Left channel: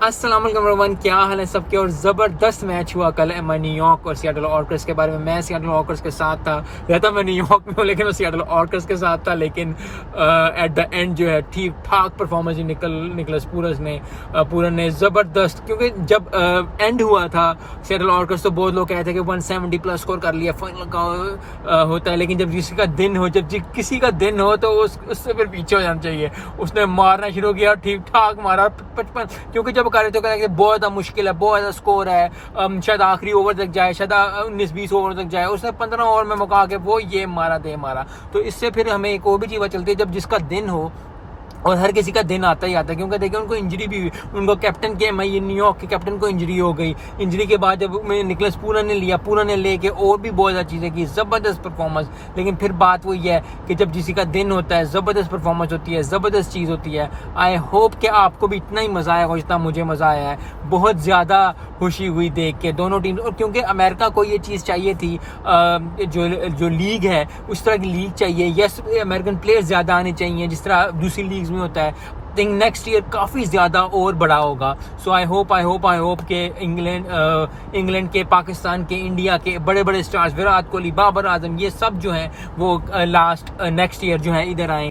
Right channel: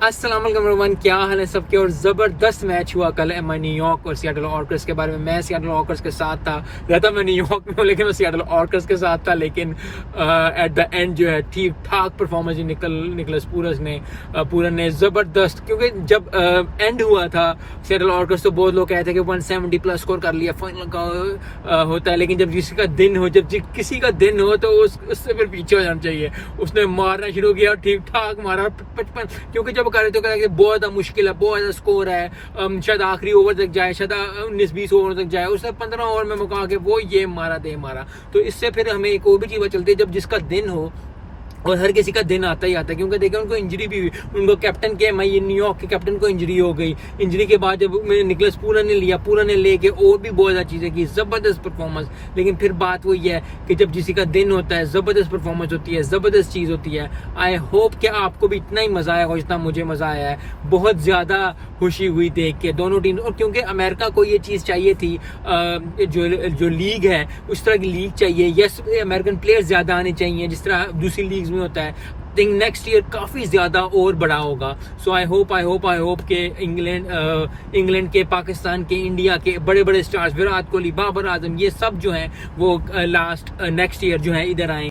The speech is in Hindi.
अस्सलाम वालेकुम एवरीवन, क्या हाल है सबके। और ज़बरदस्त मैच हुआ कल न्यूयॉर्क और सियाटल ऑर्कर्स के बारे में। मैं सियाटल ऑर्कर्स के साथ था, रहता मैं न्यूयॉर्क में हूँ लेकिन मैं सियाटल ऑर्कर्स के साथ था। लेकिन एट द एंड जो है ठीक ठाक परफॉर्मेंस निकलस पूरन ने ज़बरदस्त, क्योंकि जब एंड हुआ था सियाटल ऑर्कर्स तो बहुत लोग कहते हैं कि 170 प्लस स्कोर कर लिया, फाइनल का होता है। लेकिन जब किसी का दिन हो तो उससे फिर पीछे हो जाना चाहिए। उसने मारना शुरू किया, ठीक ठाक मारा 55, क्योंकि जब करे तो कहते बहुत ज़्यादा मुश्किल है, बहुत ज़्यादा स्कोर है, शायद आखिरी ओवर तक जाए, शायद 19-20 ओवर तक जाए। उसने 15 ओवर में मुका के वो ये मारा। तो इससे फिर हमें एक और भी चीज़ चलती है, जब जिसका दिन हो, और हर किसी का दिन आता ही आता है, क्योंकि देखिए उनको इंजरी भी हुई। उनको कैप्टन के न्यूयॉर्क के कैप्टन को इंजरी हो गई। इंजरी के बाद जब निकलस पूरन ने लेके और भी बहुत ज़्यादा चीज़ें की, ज़बरदस्त परफॉर्मेंस। लेकिन फिर बात वही है कि जब किसी का दिन होता है, ज़बरदस्त परफॉर्मेंस होती है, ज़बरदस्त चीज़ होती है। आई होप कि आपको भी इतना ही मज़ा आया हो जितना मुझे मज़ा आया है। बहुत ज़्यादा खुशी हुई देख के दोनों टीम, और क्योंकि अमेरिका को ये चीज़ चाहिए थी, जो लीग है उस तरह की लीग चाहिए। यस, अमेरिकन प्लेयर्स ज़्यादा आने चाहिए जिस तरह दूसरी लीग्स में होता है। थिंक नेक्स्ट ईयर काफ़ी ज़्यादा और बड़ा होगा। सो आई होप के इंग्लैंड के, पाकिस्तान के, इंडिया के बड़े बड़े स्टार्स, विराट कोहली, बाबर आजम, ये सब जो हैं वो नेक्स्ट ईयर जो है इधर आएंगे।